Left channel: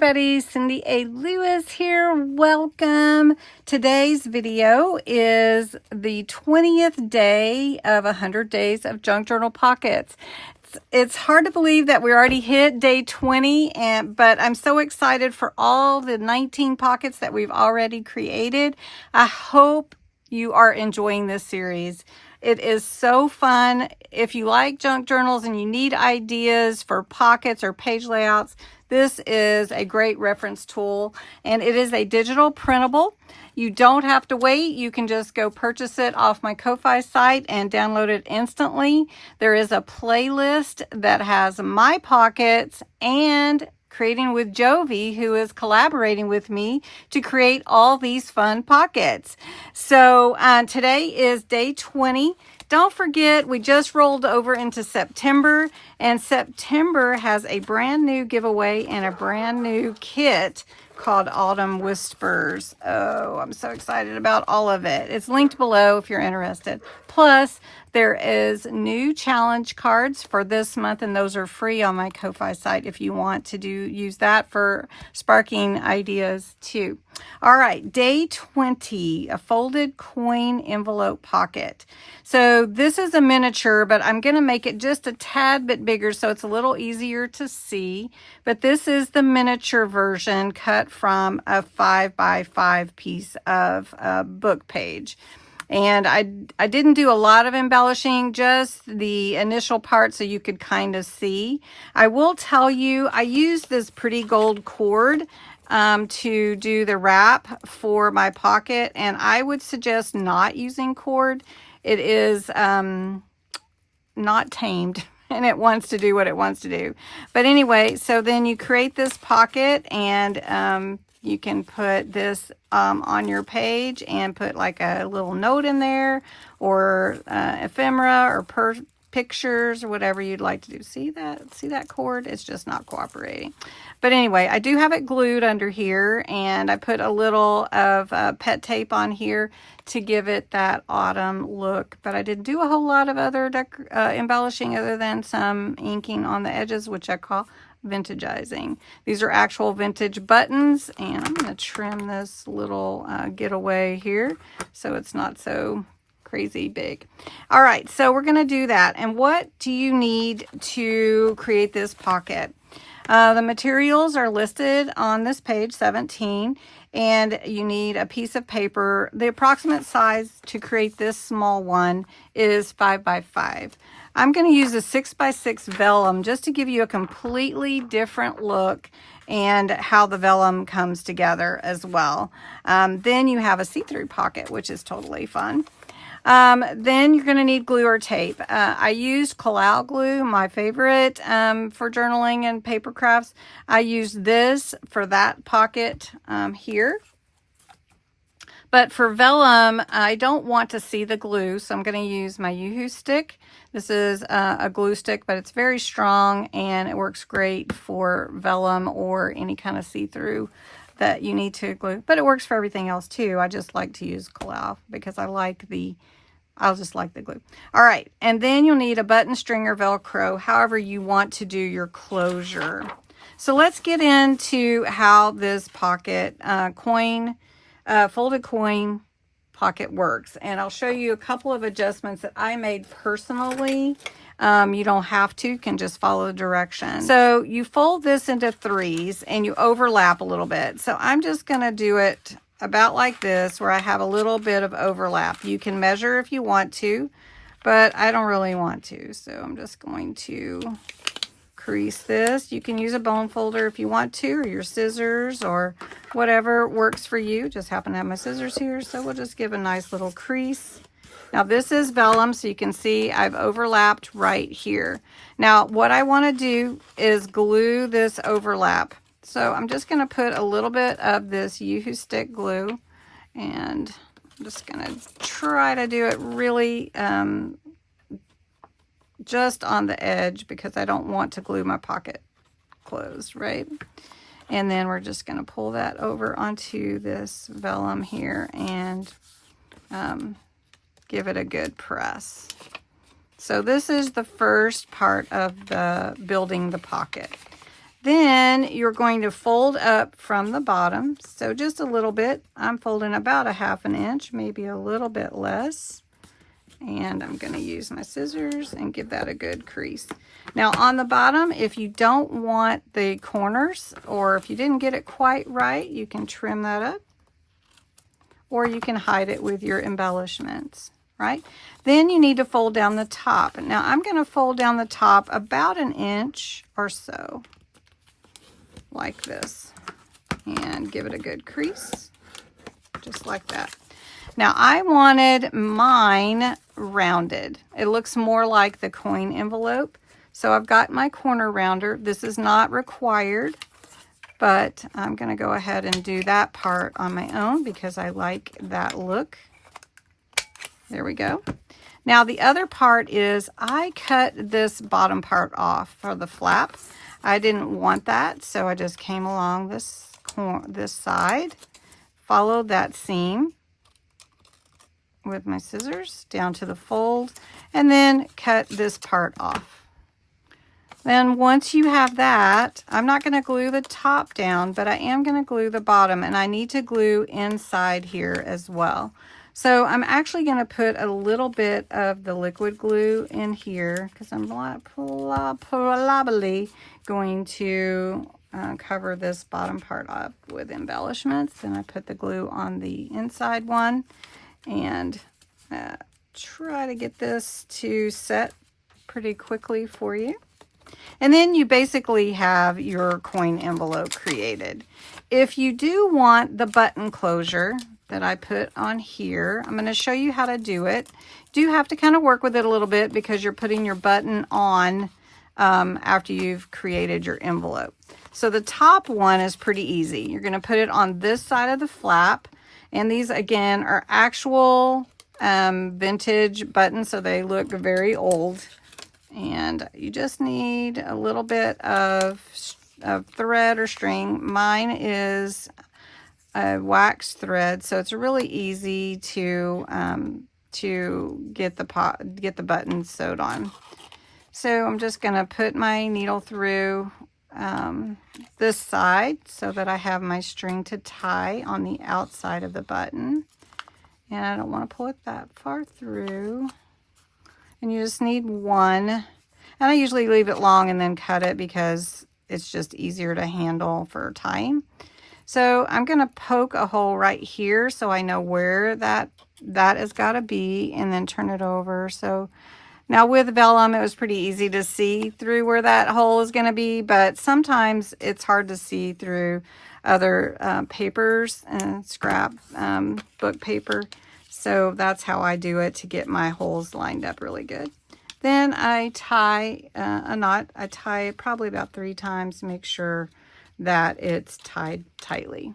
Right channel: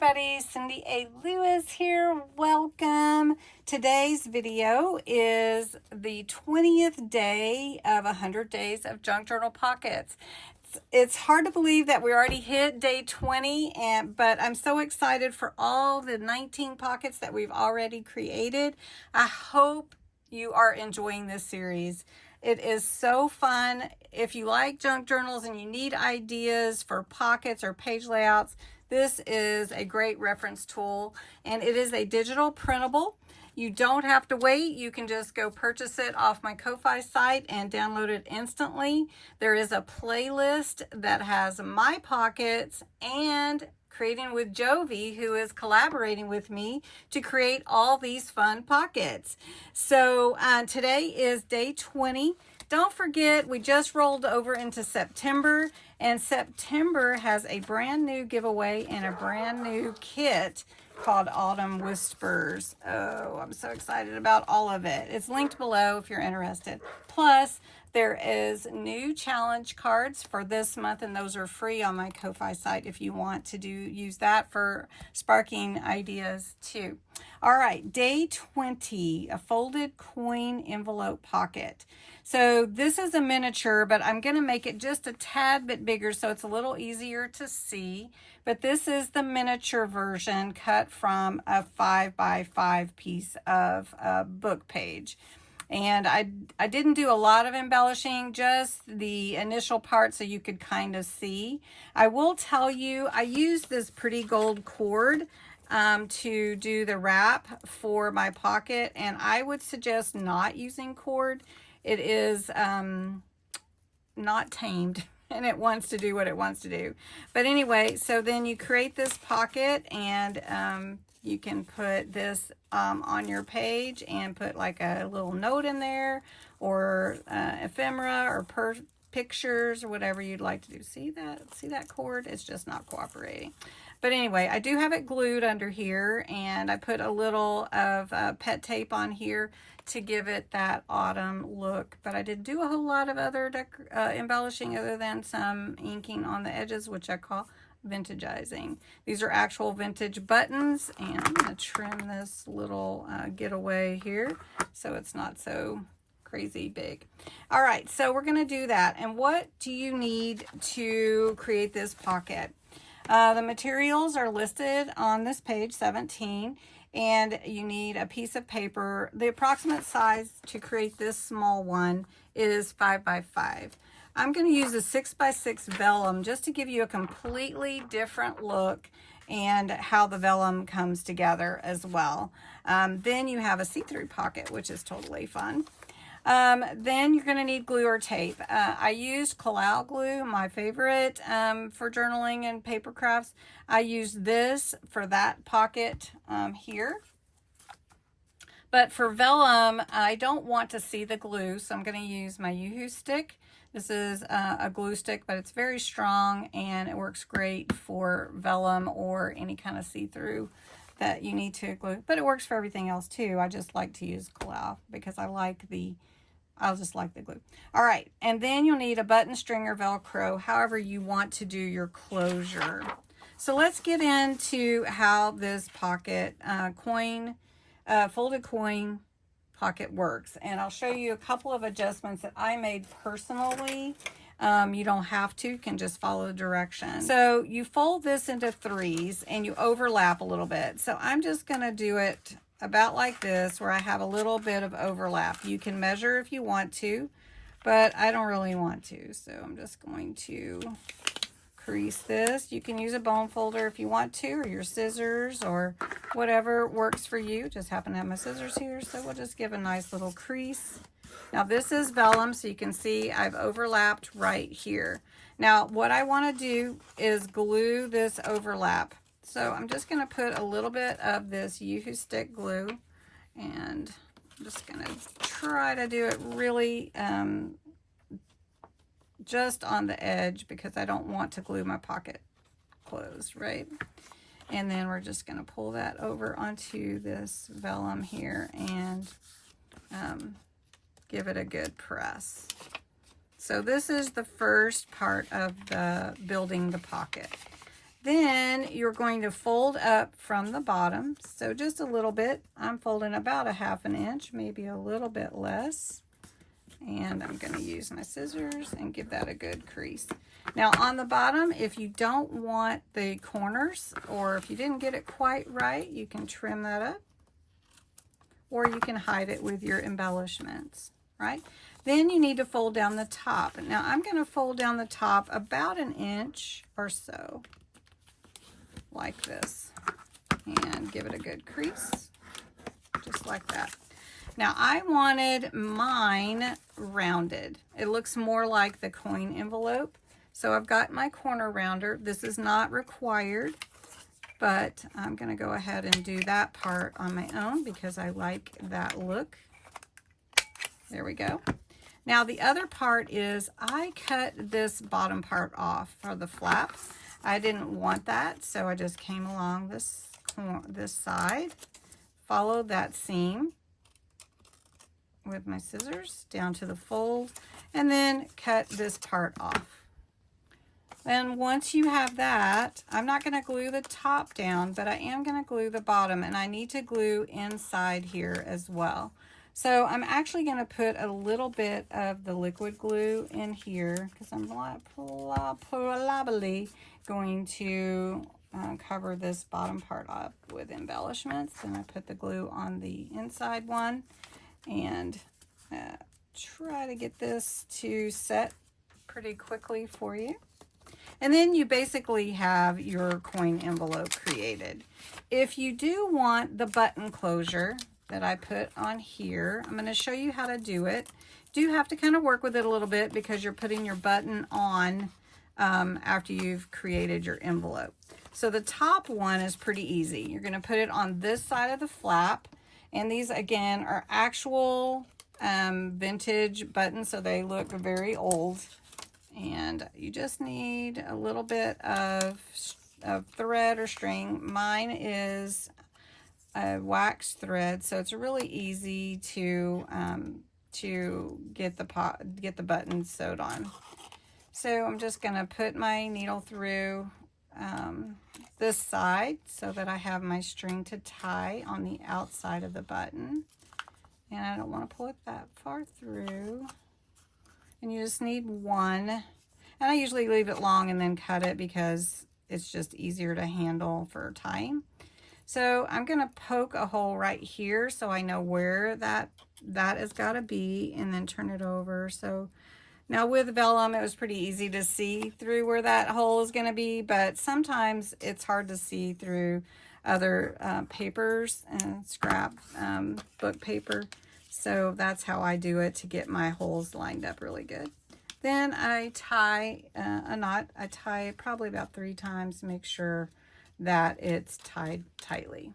everybody, Cindy A. Lewis here. Welcome. Today's video is the 20th day of 100 days of junk journal pockets. It's hard to believe that we already hit day 20, but I'm so excited for all the 19 pockets that we've already created. I hope you are enjoying this series. It is so fun. If you like junk journals and you need ideas for pockets or page layouts, this is a great reference tool, and it is a digital printable. You don't have to wait. You can just go purchase it off my Ko-Fi site and download it instantly. There is a playlist that has my pockets and Creating with Jovi, who is collaborating with me to create all these fun pockets. So today is day 20. Don't forget, we just rolled over into September, and September has a brand new giveaway and a brand new kit called Autumn Whispers. Oh, I'm so excited about all of it. It's linked below if you're interested. Plus, there is new challenge cards for this month, and those are free on my Ko-Fi site if you want to use that for sparking ideas too. All right, day 20, a folded coin envelope pocket. So this is a miniature, but I'm going to make it just a tad bit bigger so it's a little easier to see. But this is the miniature version cut from a 5x5 piece of book page. And I didn't do a lot of embellishing, just the initial part so you could kind of see. I will tell you, I used this pretty gold cord to do the wrap for my pocket, and I would suggest not using cord. It is not tamed, and it wants to do what it wants to do. But anyway, so then you create this pocket, and you can put this on your page and put like a little note in there, or ephemera, or pictures, or whatever you'd like to do. See that cord? It's just not cooperating. But anyway, I do have it glued under here, and I put a little of pet tape on here to give it that autumn look. But I didn't do a whole lot of other embellishing other than some inking on the edges, which I call vintagizing. These are actual vintage buttons, and I'm going to trim this little getaway here so it's not so crazy big. All right, so we're going to do that. And what do you need to create this pocket? The materials are listed on this page 17, and you need a piece of paper. The approximate size to create this small one is 5x5. I'm going to use a 6x6 vellum just to give you a completely different look and how the vellum comes together as well. Then you have a see-through pocket, which is totally fun. Then you're going to need glue or tape. I used Collal glue, my favorite for journaling and paper crafts. I used this for that pocket here. But for vellum, I don't want to see the glue, so I'm going to use my Yoo-Hoo stick. This is a glue stick, but it's very strong, and it works great for vellum or any kind of see-through that you need to glue. But it works for everything else too. I just like to use Collal because I just like the glue. All right, and then you'll need a button string or Velcro, however you want to do your closure. So let's get into how this pocket folded coin pocket works, and I'll show you a couple of adjustments that I made personally. You don't have to, you can just follow the directions. So you fold this into threes and you overlap a little bit. So I'm just going to do it about like this, where I have a little bit of overlap. You can measure if you want to, but I don't really want to. So I'm just going to crease this. You can use a bone folder if you want to, or your scissors, or whatever works for you. Just happen to have my scissors here, so we'll just give a nice little crease. Now this is vellum, so you can see I've overlapped right here. Now what I want to do is glue this overlap. So I'm just going to put a little bit of this Yoo-Hoo stick glue, and I'm just going to try to do it really just on the edge, because I don't want to glue my pocket closed, right? And then we're just going to pull that over onto this vellum here and give it a good press. So this is the first part of the building the pocket. Then you're going to fold up from the bottom. So just a little bit. I'm folding about a 1/2 inch, maybe a little bit less. And I'm going to use my scissors and give that a good crease. Now on the bottom, if you don't want the corners, or if you didn't get it quite right, you can trim that up, or you can hide it with your embellishments, right? Then you need to fold down the top. Now I'm going to fold down the top about 1 inch or so, like this, and give it a good crease, just like that. Now I wanted mine rounded. It looks more like the coin envelope. So I've got my corner rounder. This is not required, but I'm going to go ahead and do that part on my own because I like that look. There we go. Now the other part is I cut this bottom part off for the flap. I didn't want that, so I just came along this side, followed that seam with my scissors down to the fold, and then cut this part off. Then once you have that, I'm not going to glue the top down, but I am going to glue the bottom, and I need to glue inside here as well. So I'm actually going to put a little bit of the liquid glue in here because I'm probably going to cover this bottom part up with embellishments. Then I put the glue on the inside one and try to get this to set pretty quickly for you. And then you basically have your coin envelope created. If you do want the button closure that I put on here, I'm going to show you how to do it. You do have to kind of work with it a little bit because you're putting your button on after you've created your envelope. So the top one is pretty easy. You're going to put it on this side of the flap. And these, again, are actual vintage buttons, so they look very old. And you just need a little bit of thread or string. Mine is a wax thread, so it's really easy to get the buttons sewed on. So I'm just going to put my needle through this side so that I have my string to tie on the outside of the button. And I don't want to pull it that far through. And you just need one. And I usually leave it long and then cut it because it's just easier to handle for tying. So I'm going to poke a hole right here so I know where that has got to be, and then turn it over. So now with vellum, it was pretty easy to see through where that hole is going to be, but sometimes it's hard to see through other papers and scrap book paper. So that's how I do it to get my holes lined up really good. Then I tie a knot. I tie it probably about 3 times to make sure that it's tied tightly.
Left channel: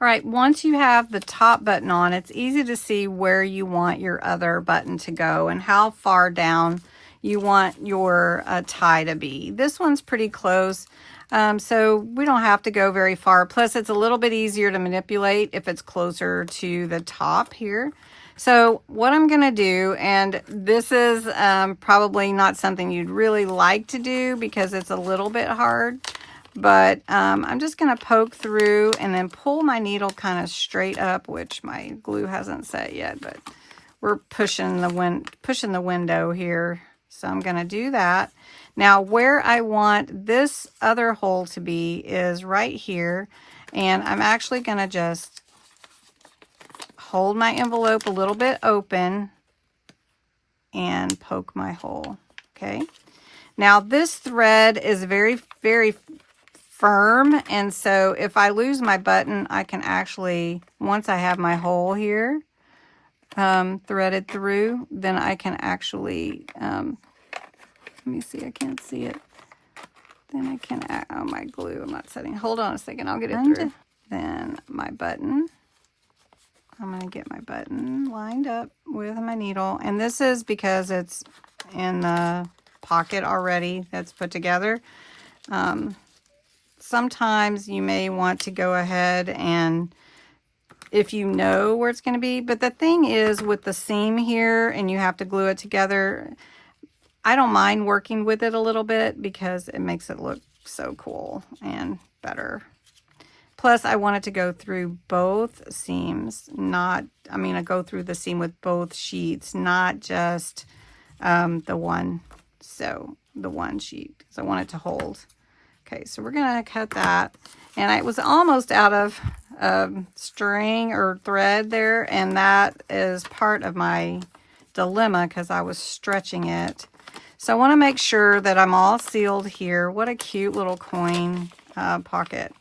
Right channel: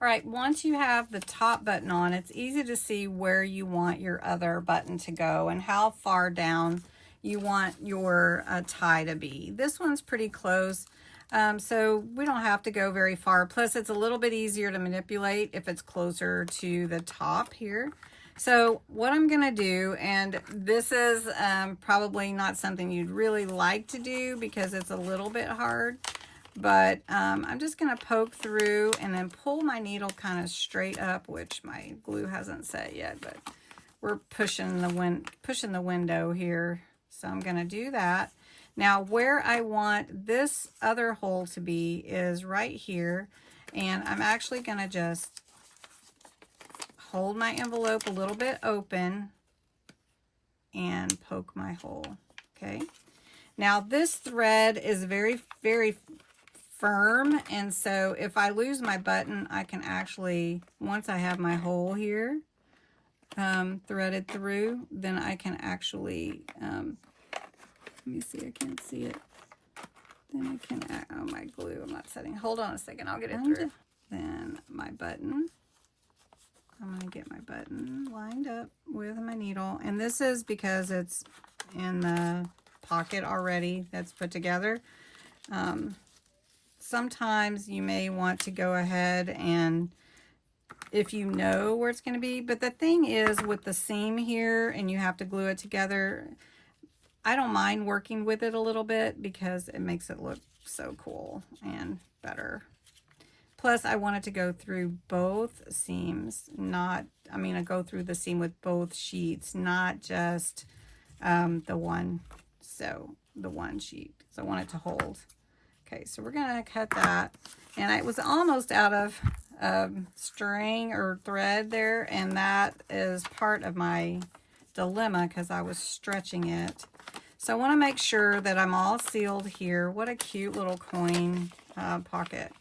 All right, once you have the top button on, it's easy to see where you want your other button to go and how far down you want your tie to be. This one's pretty close, so we don't have to go very far. Plus, it's a little bit easier to manipulate if it's closer to the top here. So what I'm going to do, and this is probably not something you'd really like to do because it's a little bit hard, but I'm just going to poke through and then pull my needle kind of straight up, which my glue hasn't set yet, but we're pushing the window here. So I'm going to do that. Now where I want this other hole to be is right here, and I'm actually going to just hold my envelope a little bit open and poke my hole. Okay. Now this thread is very, very firm, and so if I lose my button, I can actually, once I have my hole here threaded through, then I can actually, let me see, I can't see it. Then I can, oh, my glue, I'm not setting, hold on a second, I'll get it through. Then my button, I'm going to get my button lined up with my needle, and this is because it's in the pocket already that's put together. Sometimes you may want to go ahead and, if you know where it's going to be, but the thing is with the seam here and you have to glue it together, I don't mind working with it a little bit because it makes it look so cool and better. Plus, I want it to go through both seams, I go through the seam with both sheets, not just the one sheet. So I want it to hold. Okay, so we're gonna cut that. And I was almost out of string or thread there, and that is part of my dilemma because I was stretching it. So I want to make sure that I'm all sealed here. What a cute little coin pocket.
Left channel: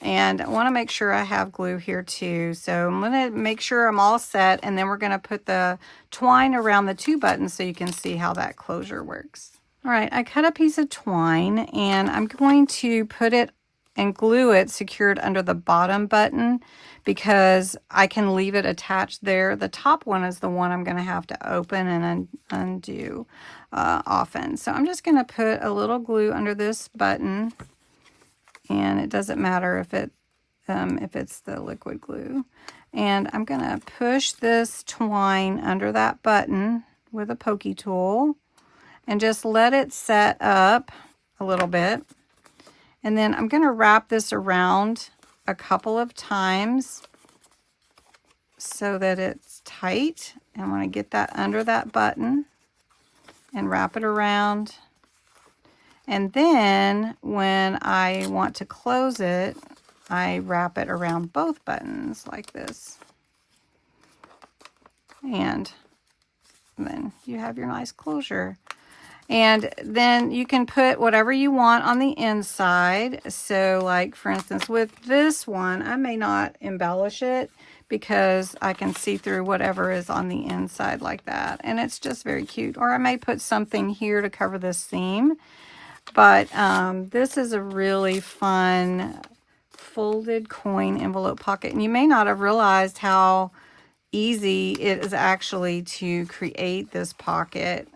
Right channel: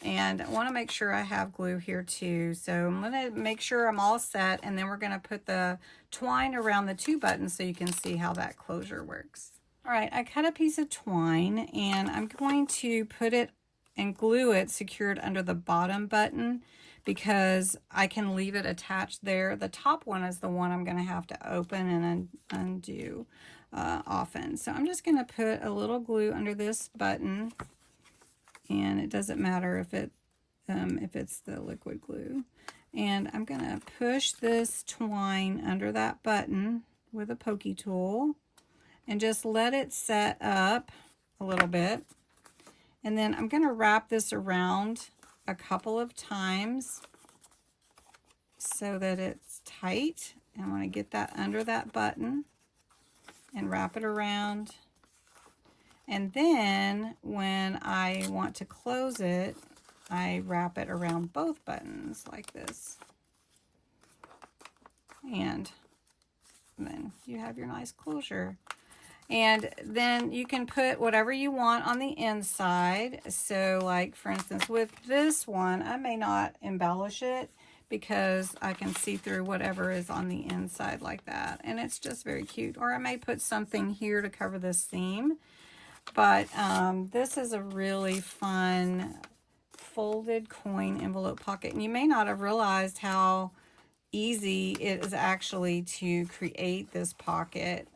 And I want to make sure I have glue here too. So I'm going to make sure I'm all set, and then we're going to put the twine around the 2 buttons so you can see how that closure works. All right, I cut a piece of twine, and I'm going to put it and glue it secured under the bottom button because I can leave it attached there. The top one is the one I'm going to have to open and undo often. So I'm just going to put a little glue under this button. And it doesn't matter if it's the liquid glue. And I'm going to push this twine under that button with a pokey tool and just let it set up a little bit. And then I'm going to wrap this around a couple of times so that it's tight. And I want to get that under that button and wrap it around. And then when I want to close it, I wrap it around both buttons like this. And then you have your nice closure. And then you can put whatever you want on the inside. So like for instance, with this one, I may not embellish it because I can see through whatever is on the inside like that. And it's just very cute. Or I may put something here to cover this seam. But this is a really fun folded coin envelope pocket. And you may not have realized how easy it is actually to create this pocket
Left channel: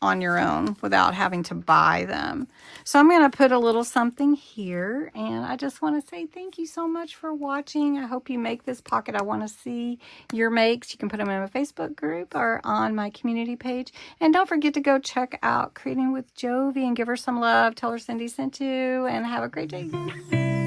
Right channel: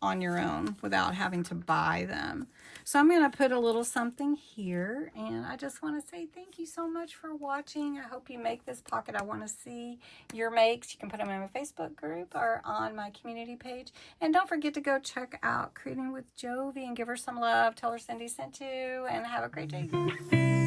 on your own without having to buy them. So I'm going to put a little something here, and I just want to say thank you so much for watching. I hope you make this pocket. I want to see your makes. You can put them in my Facebook group or on my community page. And don't forget to go check out Creating with Jovi and give her some love. Tell her Cindy sent you, and have a great day.